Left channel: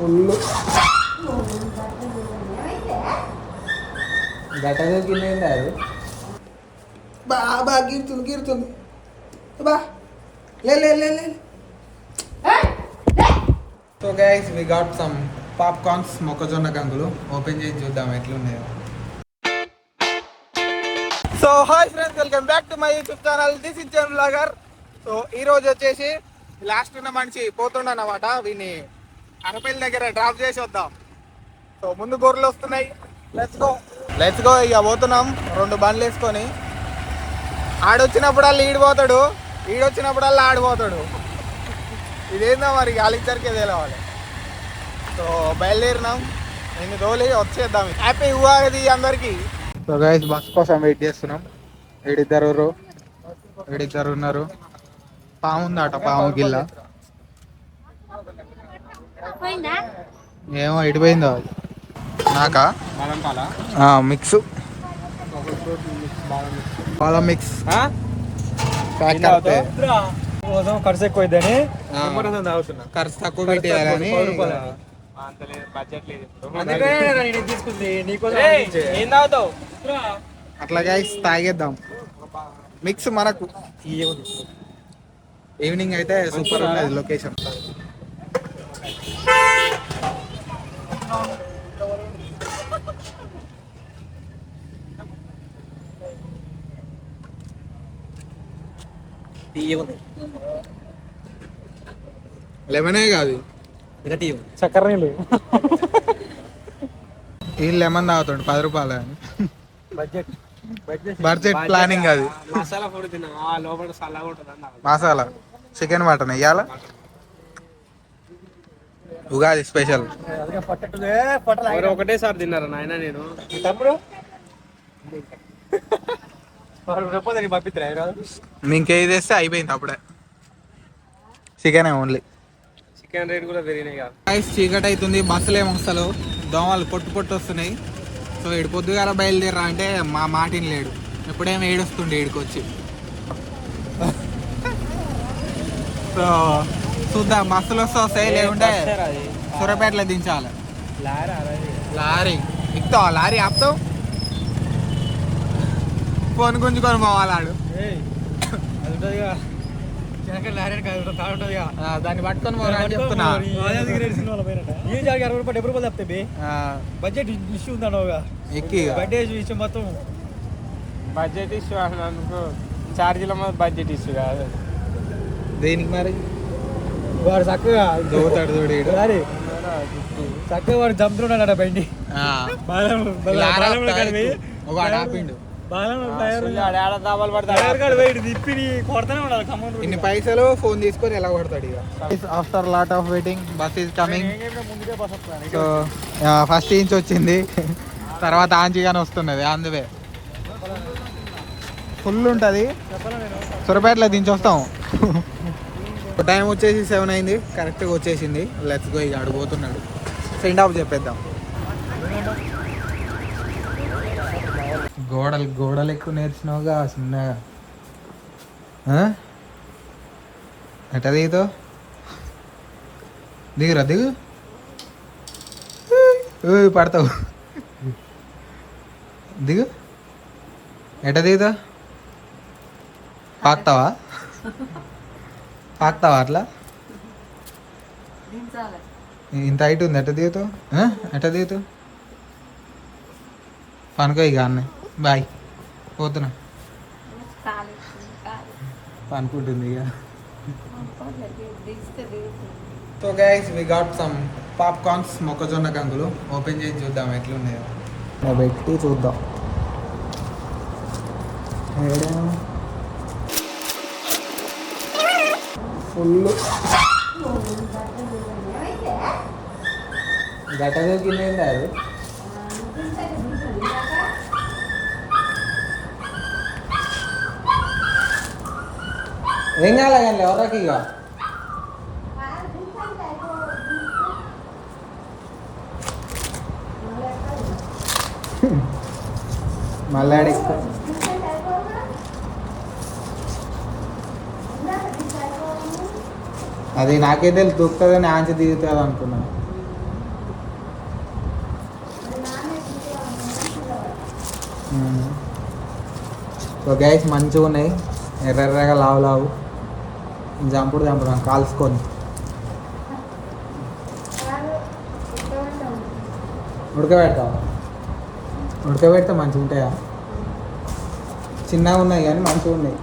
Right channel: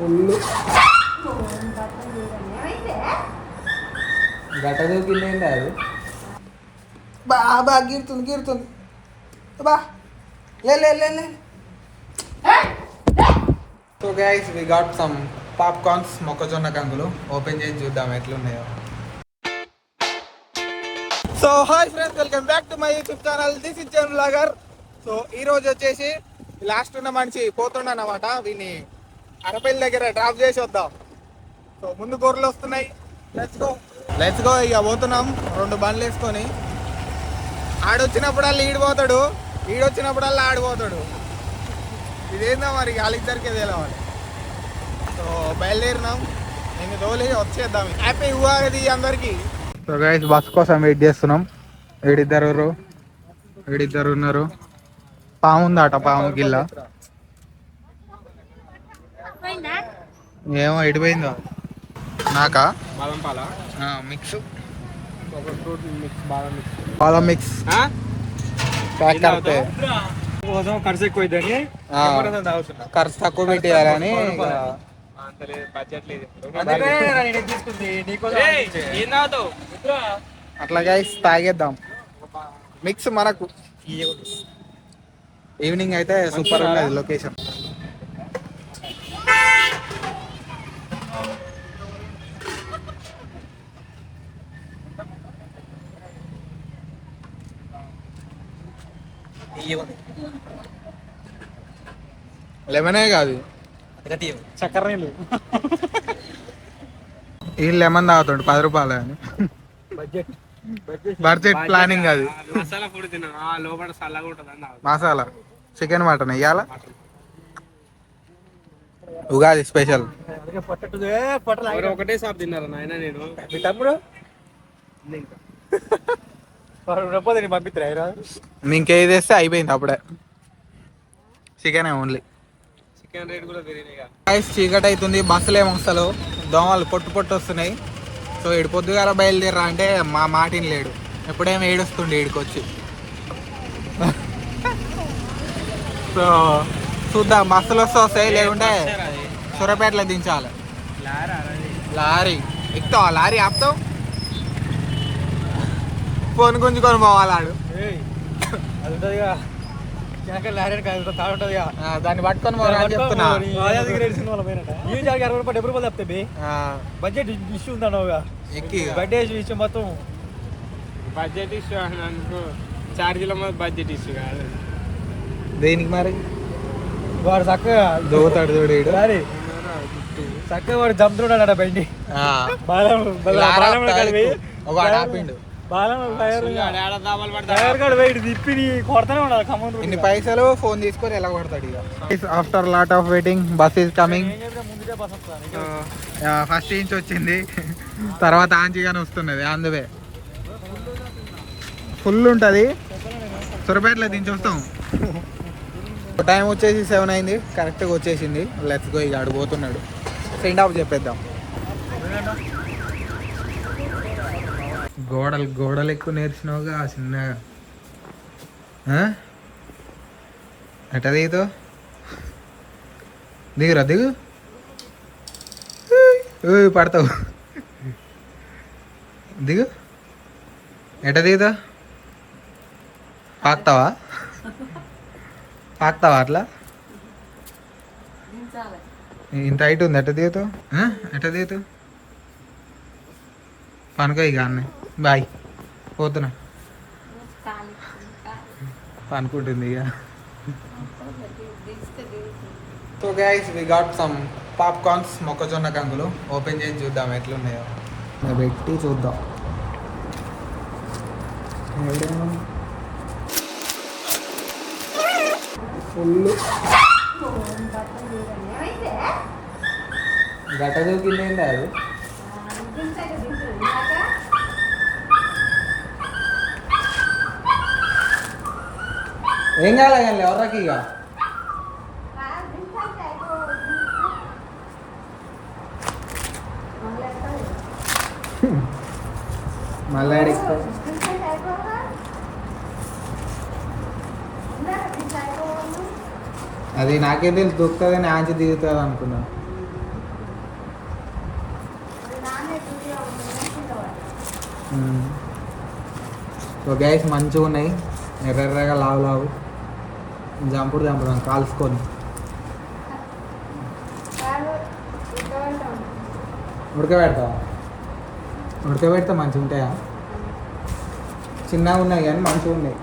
Full గట్ట దూకింది అది బాగా గీరుతుంది గీరుతుంది బా లే లే లే లే. So guys we got some popcorns మొక్కజొన్న కంకులు ఓపెన్ చేసి చూద్దాం ఎట్లున్నాయో. So hi friends, welcome back to my YouTube channel. This is జన్ బ్లాగర్. సో ఈ రోజు వచ్చేసి లాస్ట్ ఉన్న మనిషి పోతుండనమాట, వీని అరపల్లి దగ్గర డ్రాప్ చేసి వద్దాం. సో ముందు గొర్రెలు వస్తున్నాయి, లెట్స్ గో ఇక పోతున్నాం 2 బండ్లు వేసుకొని. ఆడొచ్చినప్పుడల్లా ఈడిపోతాడు, ఈడొచ్చినప్పుడల్లా ఆడిపోతాడు. ఇదేందో మరి వాళ్ళిద్దరికే తెలవాలి. సో బయలుదేరినాం, నేను తోలి వచ్చేద్దాం. హ్యాపీ ఉగాది అందరికి. సో గైస్ బస్ కోసం వెయిట్ చేస్తున్నాం. వీడిద్దరు ఉన్నారు. పాము ఉందట, పాము గిల్ల ఏమో ఎడిపోయిందో. నాకా మిక్స్ పాల మిక్స్ ప్యాక్ కడితే ఖర్చు ఎక్కువ అయిద్దని ఖర్చు తక్కువ పెట్టేయాలని అట్లా గైస్ తాగేద్దాం. మిక్స్ మనకు ఈవినింగ్ అయితే సూపర్ ఉన్నది లొకేషన్. లెమనే కాదు, చక్కెర నీళ్ళు. ఈ లెమన్ తాగుతాడు 10 రూపాయలు అని. బడ్జెట్ ప్లానింగ్ అది. మసాలా ఫుడ్ తిన్నా లోపల సల్లగా ఉంటుంది. మసాలా చికెన్ మటన్ ఇయ్యాల ఉగాది స్పెషల్. ఒకటేసారి తిన్నారా నాయన? నేను మీ తమ్ముడు పంపిస్తారా? ఇంకేది తెస్తే అయిపోయింది అప్పుడే. Chicken only. చికెన్ రేట్ కూడా పెరిగినాయి. చీకటి అవుతుంది, బస్సులు ఏమో అసలు దోమలు పొట్టు వస్తున్నాయి. సో ఇడు పొద్దుగాల బయలుదేరా అంటే మా మాటిని లేడు, ఎప్పుడేమో ఏడుస్తుండే ఈడికొచ్చి. సో చూద్దాం, బస్సులు వస్తాయి, లేకుంటే సూర్యాపేటలో దించాలి. లారీ ఎక్కుతావా? లారీ ఆపుతావు, ఫోన్ గుంజుకొని పోవాలాడు. దాన్ని పట్టుకొని పోరా అని చెప్తున్నా. బడ్జెట్ ఇష్యూ ఉందన్నావుగా, బడ్జెట్ ఇష్యూ మొత్తం బడ్జెట్ ఇష్యూ అన్నందుకు ఛార్జీల మీద బడ్జెట్ ఇష్యూ కాదు. దేనికి మరి? వాడు చక్కగా దోతాడు చూడు, చక్కగా వాడు చంపుతున్నాడు బండి. వాడు ఆపిండు. ఇన్ని పైసలు ఫోన్ తీసుకొని ఎలా కొడతాడు ఇక. After lot of waiting bus is coming. So first inch వచ్చింది, తర్వాత ఆంచిగానే వస్తున్నది. అందువే ఫుల్ ఉంటుంది. సూర్యాపేటలో దించి వస్తాం. టైం వచ్చేసి 7 అయింది, కరెక్ట్గా వచ్చేసింది. Let's go. ఇక అడిగిపోతున్నాడు, సెండ్ ఆఫ్ చెప్పేద్దాం. గోడలు ఎక్కువ నేర్చినావుగా చిన్నగా. ఎట్ట దిగుతావు? దిగురా, దిగు. పడతావు, దిగు. ఎట్ట దిగుతావు? పాకుతావా అట్లా? ఇంత హైట్ ఉంది, ఎట్ట దిగుతావు? ఎట్ట దిగుతావు? పనుకో ఇక అన్నీ. బాయ్, పోతున్నా. అనుకుంటుంది ఇక. So guys we got some popcorns మొక్కజొన్న కంకులు ఓపెన్ చేసి చూద్దాం ఎట్లున్నాయో. పెట్టి చూద్దాం. ఫుల్ గట్ట దూకింది అది. ఏం కాలే కానీ ఎవరికి ఇక. మళ్ళీ అడిగితే అది నాకే తెలుసు దొరుకుతుంది, ఆంచి దిగుతుంది అనుకున్నాను. సో గ్యాస్ మంచిగా ఉన్నాయి, ఎర్రగా లావు లావు చంపుడు కాల్చుకొని ఉడకబెడతా మంచిగా ఉంటాయా? చిన్నగా ఉన్నాయి కానీ మంచిగా ఉన్నాయి.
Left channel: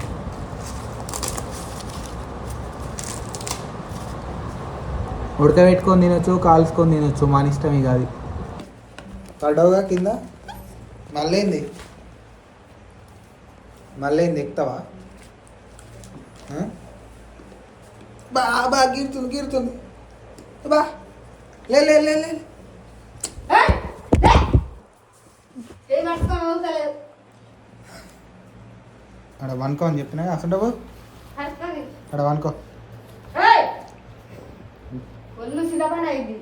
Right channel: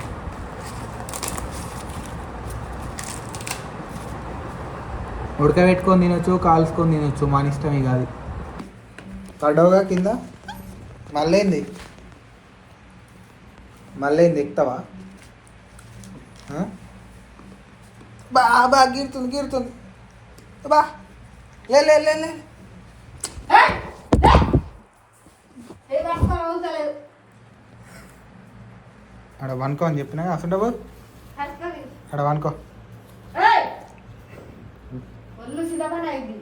ఉడకబెట్టుకొని తినొచ్చు, కాల్చుకొని తినొచ్చు, మన ఇష్టం ఇక అది. పడవగా కింద మళ్ళీ ఎక్కుతావా? బాగా గిరుతుంది బా లే లే లే లే. అక్కడ వనుకో అని చెప్పినా అసలు అక్కడ వనుకో. ఒళ్ళు సిద్ధపడి అయింది.